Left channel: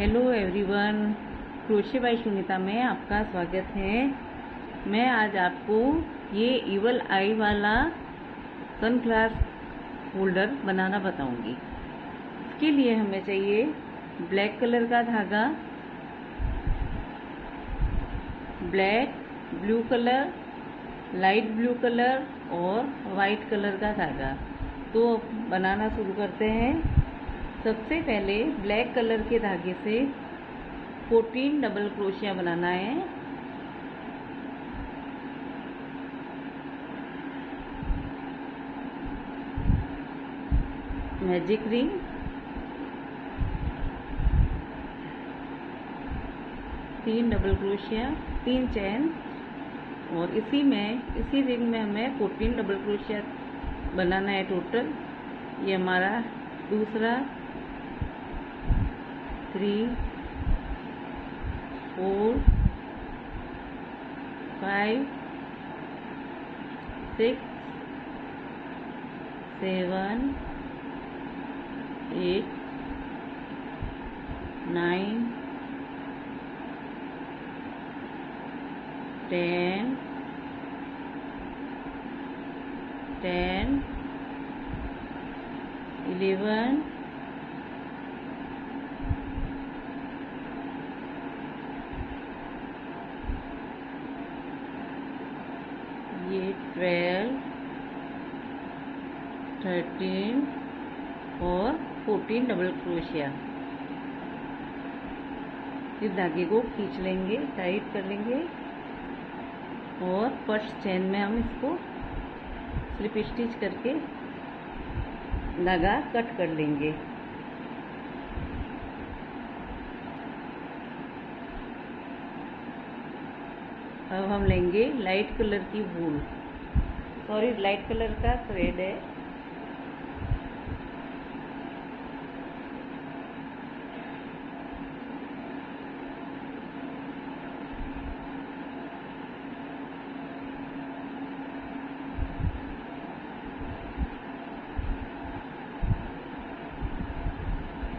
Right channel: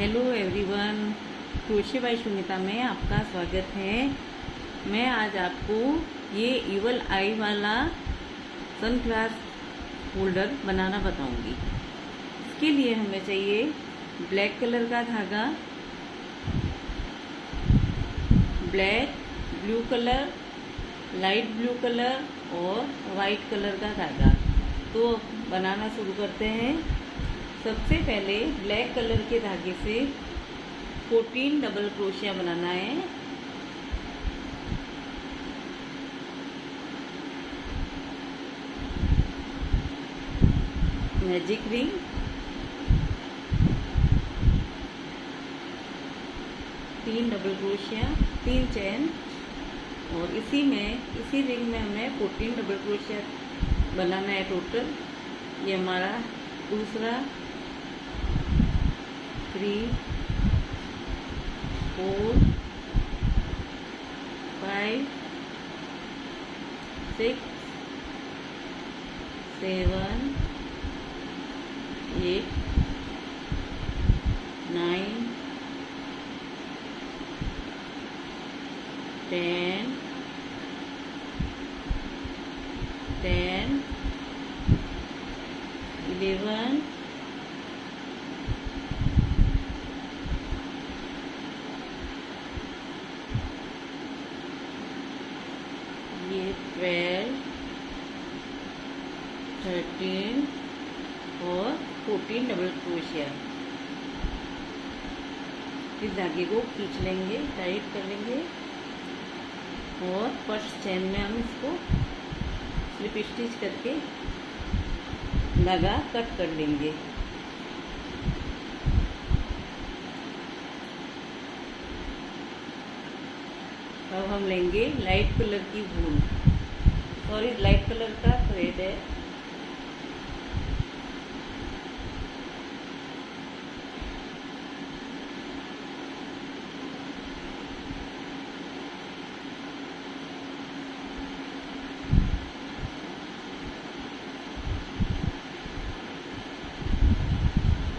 Hello everyone, crochet by Sumita में आपका स्वागत है। मैं आज आपको ये इवल आई वाला सनग्लास होल्डर बनाना बताऊंगी। इसके लिए हमें चाहिए ब्लैक कलर का धागा, black, blue colour, light blue colour और वाइट कलर का धागा। तो बनाना शुरू करते हैं। सबसे पहले ब्लैक कलर के धागे से 14 डबल क्रोशिया बनाना है। मैजिक रिंग, तीन डबल क्रोशिया, 3 चैन और इसी रिंग में हमें 14 डबल क्रोशिया बनाना है टोटल। ये हमारा दूसरा 3, 4, 5, 6, 7, 8, 9, 10, 11, ये 12, 13 और 14 डबल क्रोशिया। इस धागे को खींच लेंगे, टाइट कर लेंगे और फर्स्ट चेन में हम इसको स्लिप स्टिच करके धागा कट कर लेंगे। अब हम लेंगे लाइट कलर की वूल, लाइट कलर का थ्रेड है।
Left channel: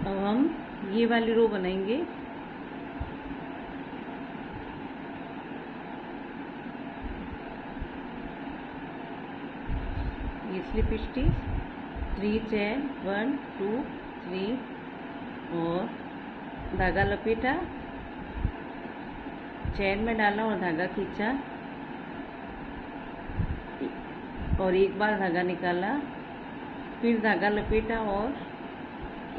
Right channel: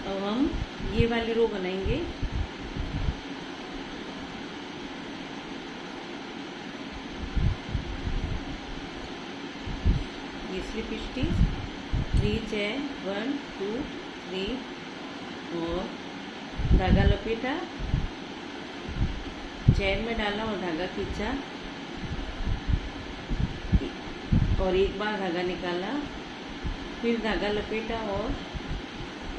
अब हम ये वाली रो बनाएंगे। ये स्लिप स्टिच, 3 चैन, 1, 2, 3 और धागा लपेटा, चैन में डाला और धागा खींचा और एक बार धागा निकाला, फिर धागा लपेटा और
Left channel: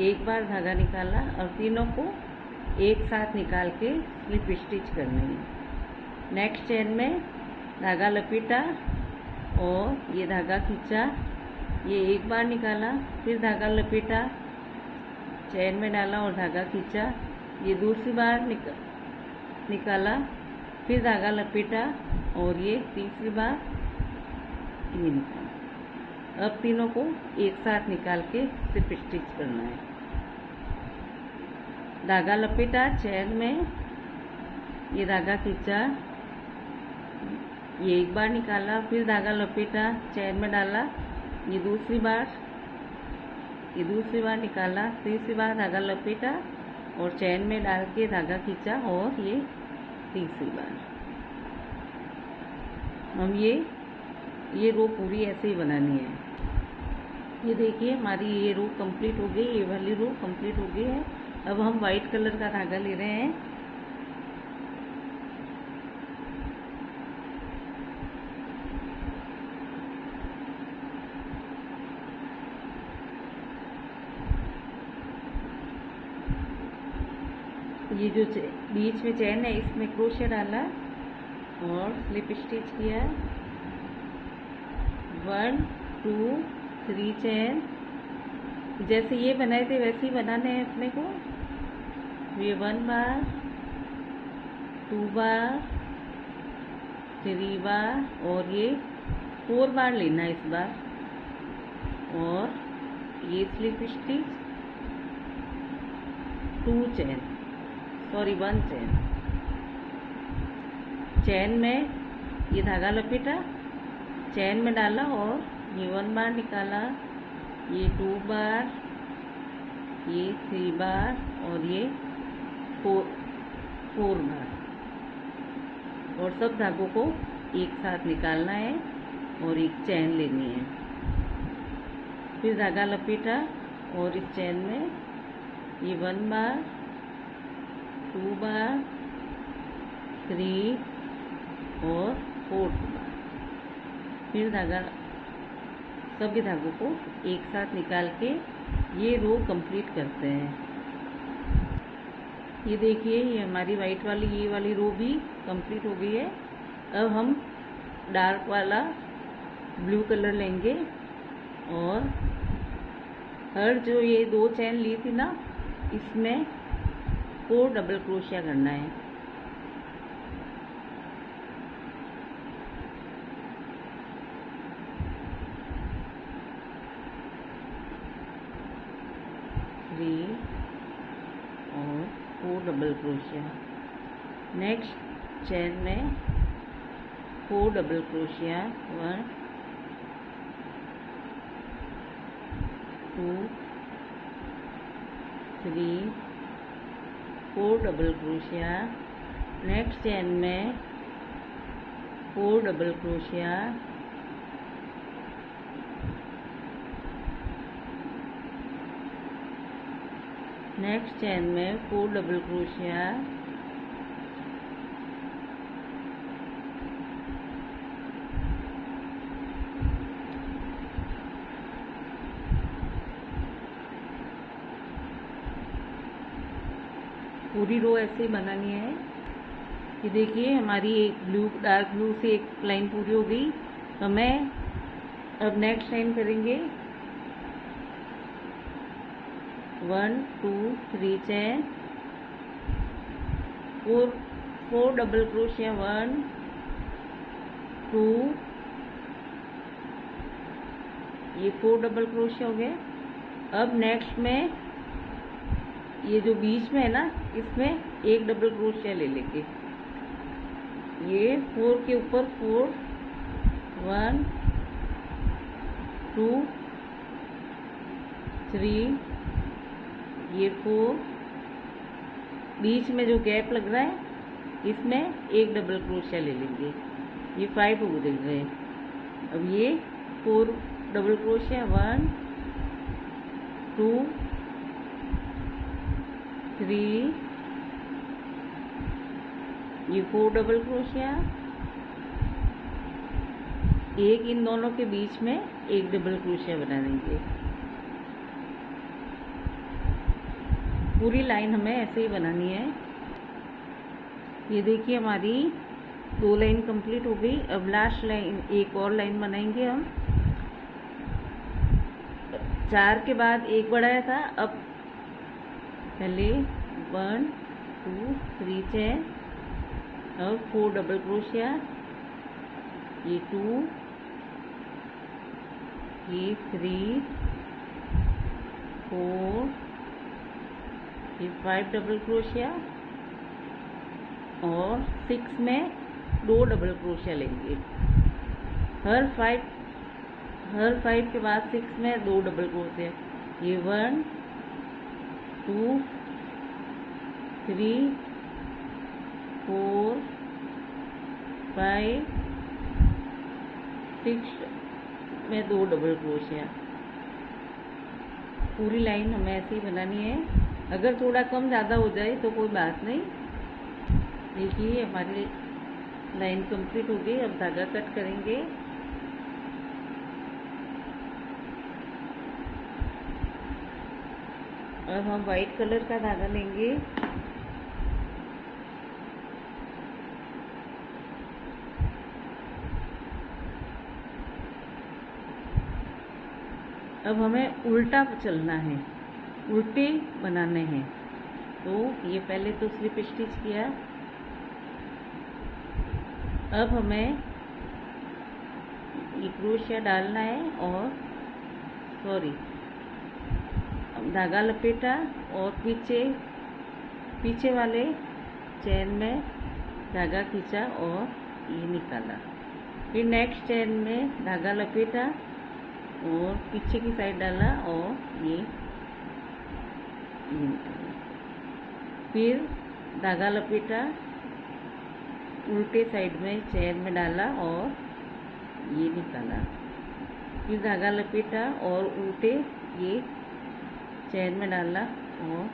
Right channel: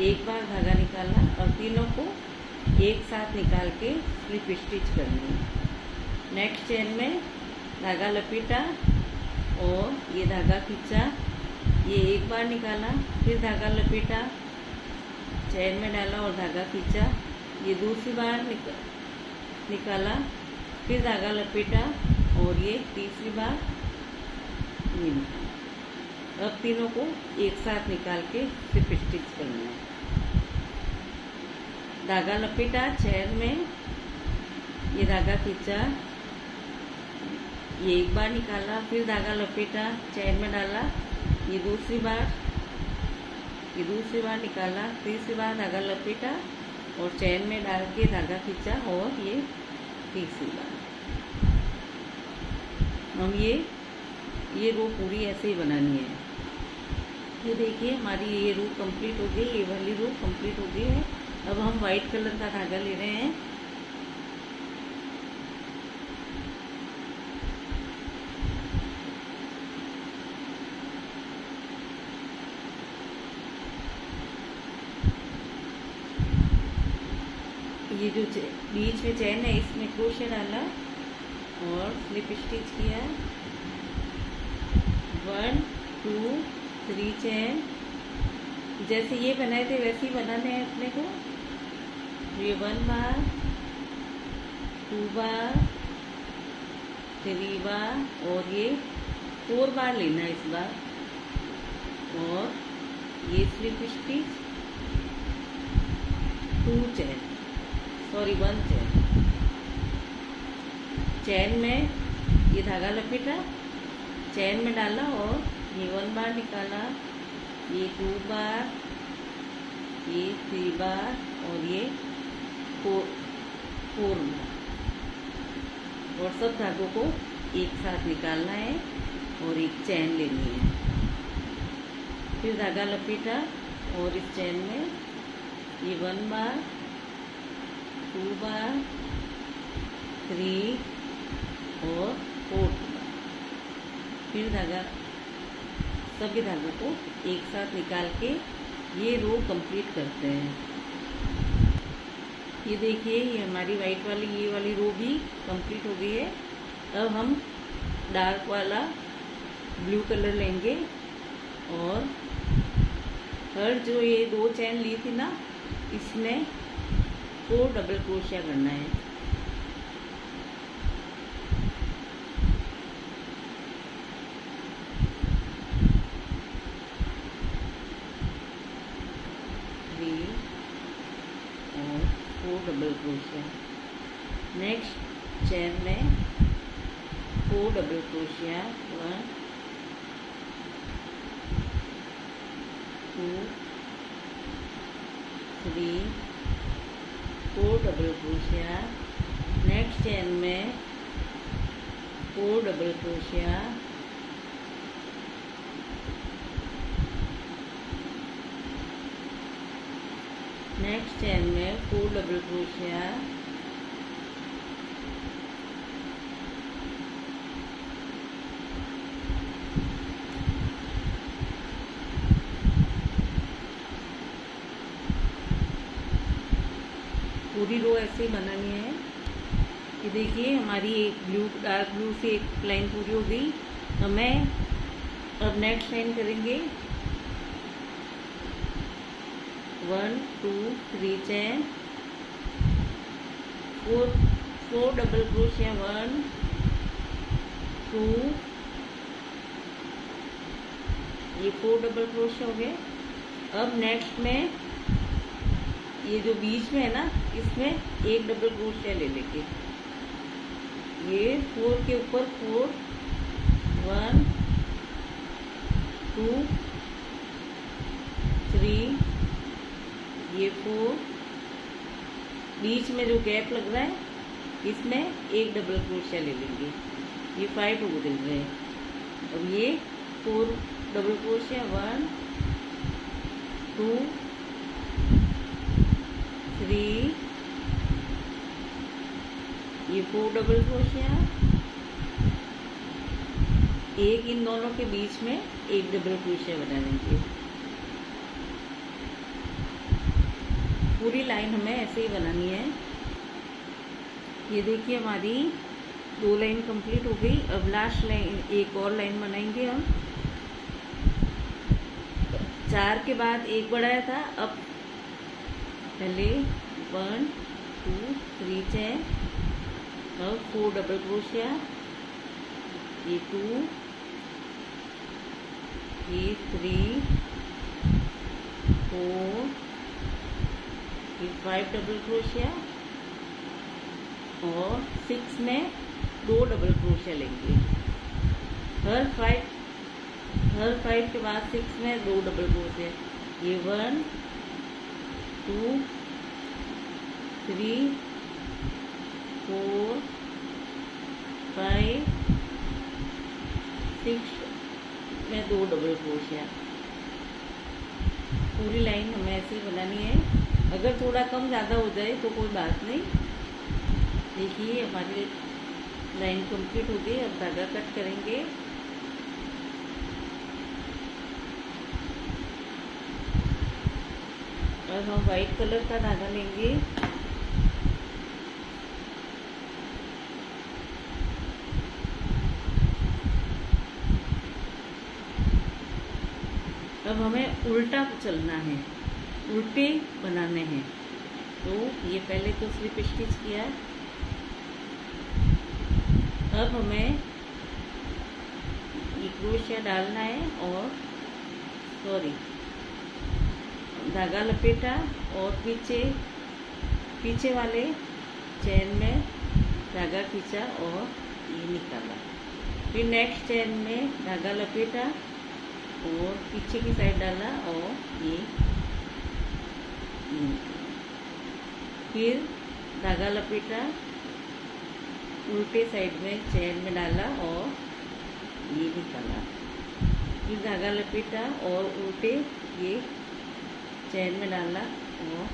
एक बार धागा निकाला और तीनों को एक साथ निकाल के स्लिप स्टिच करनी है। नेक्स्ट चेन में धागा लपेटा और ये धागा खींचा, ये एक बार निकाला, फिर धागा लपेटा, चैन में डाला और धागा खींचा, ये दूसरी बार निकाला, फिर धागा लपेटा और ये तीसरी बार ये निकाला। अब तीनों को एक साथ निकाल के स्लिप स्टिच करना है। धागा लपेटा, चैन में ये धागा खींचा, ये एक बार निकाला, फिर धागा लपेटा, चैन में डाला, ये दूसरी बार निकाला, तीसरी बार धागा लपेटा और चैन में डाल के धागा खींचा और ये तीसरी बार। हम ये रो पूरी ऐसे ही बनानी है। ये देखिए हमारी ये रो कंप्लीट हो गई, ये वाली रो कंप्लीट हो गई है। अब हम वाइट कलर का धागा ले रहे हैं। ये जो बीच में चैन है इसमें क्रोशे डाला और स्लिप स्टिच किया, 1, 2, 3 चैन। जैसे ये बनाए थे वैसे ही बनाने हैं अपने को। ये 1 बार, 2 बार, 3 बार और ये 4 बार लेना इस बार। और ये स्लिप स्टिच, 1 चैन, चैन में ये धागा लपेटा, चैन में डाला और ये 1 बार निकाला, ये 2 बार, ये 3 बार और ये फोर फोर बार, और सब धागों को एक साथ निकालना है और एक चैन लेनी है। फिर धागा लपेटा और इस चैन में ये 1 बार, 2 बार, 3 और 4 बार। फिर धागा सभी धागों को एक साथ निकाल के ये रो कंप्लीट करते हैं। ये देखिए, ये हमारी वाइट वाली ये वाली रो भी कंप्लीट हो गई है। अब हम डार्क वाला ब्लू कलर लेंगे और हर जो ये 2 चैन ली थी ना, इसमें 4 डबल क्रोशिया करना है। और 4 डबल क्रोशिया। नेक्स्ट चैन में 4 double crochet, 1 2 3 4 double crochet. Next chain में 4 डबल क्रोशिया, नेक्स्ट चैन में 4 डबल क्रोशिया, पूरी रो ऐसे बनानी है। ये देखिए, हमारी एक ब्लू डार्क ब्लू से एक लाइन पूरी हो गई। तो मैं अब नेक्स्ट लाइन करेंगे 1 2 3 चैन, 4 डबल क्रोशिया, 1 2, ये 4 डबल क्रोशिया हो गए। अब नेक्स्ट में ये जो बीच में है ना, इसमें एक डबल क्रोशिया ले लेंगे। ये 4 के ऊपर 4, 1 2 3, ये 4, बीच में जो गैप लग रहा है इसमें एक डबल क्रोशिया ले लेंगे। ये 5 हो गए हैं। अब ये 4 डबल क्रोशिया, 1 2 3, ये 4 डबल क्रोशिया, एक इन दोनों के बीच में एक डबल क्रोशिया बना देंगे। पूरी लाइन हमें ऐसे ही बनानी है। ये देखिए, हमारी 2 लाइन कंप्लीट हो गई। अब लास्ट लाइन, एक और लाइन बनाएंगे हम। 4 के बाद एक बढ़ाया था, अब पहले 1 2 3 चैन, अब 4 डबल क्रोशिया, ये 2, ये 3 4, ये 5 डबल क्रोशिया और 6 में 2 डबल क्रोशिया लेंगे। हर 5 के बाद 6 में 2 डबल क्रोशिया। ये 1 2 3 4 5 6 में 2 डबल क्रोशिया। पूरी लाइन हमें ऐसे ही बनानी है। अगर थोड़ा कम ज़्यादा हो जाए तो कोई बात नहीं। देखिए, हमारी लाइन कंप्लीट हो गई। अब धागा कट करेंगे। और हम वाइट कलर का धागा लेंगे। अब हमें उल्टा चलना है, उल्टे बनाने हैं। तो ये पहले तो स्लिप स्टिच किया। अब हमें ये क्रोशिया डालना है और धागा लपेटा और पीछे वाले चैन में धागा खींचा और ये निकाला। फिर नेक्स्ट चैन में धागा लपेटा और पीछे की साइड डाला और ये निकाला। फिर धागा लपेटा, उल्टे साइड में चैन में डाला और ये निकाला। फिर धागा लपेटा और उल्टे ये चैन में डाला और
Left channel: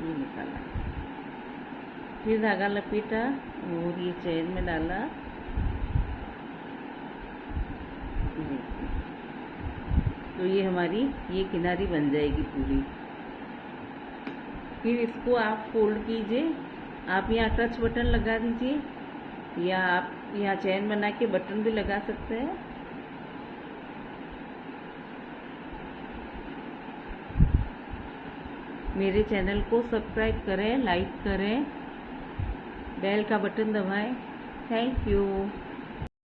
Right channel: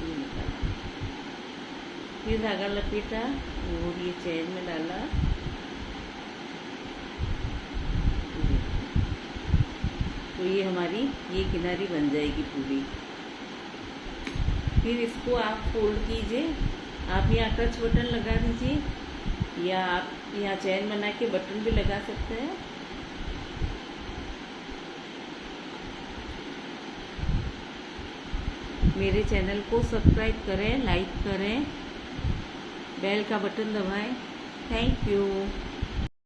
ये निकाला। फिर धागा लपेटा और ये चैन में डाला। तो ये हमारी ये किनारी बन जाएगी पूरी। फिर इसको आप फोल्ड कीजिए। आप यहाँ टच बटन लगा दीजिए या आप यहाँ चैन बना के बटन भी लगा सकते हैं। मेरे चैनल को सब्सक्राइब करें, लाइक करें, बेल का बटन दबाएं। Thank you.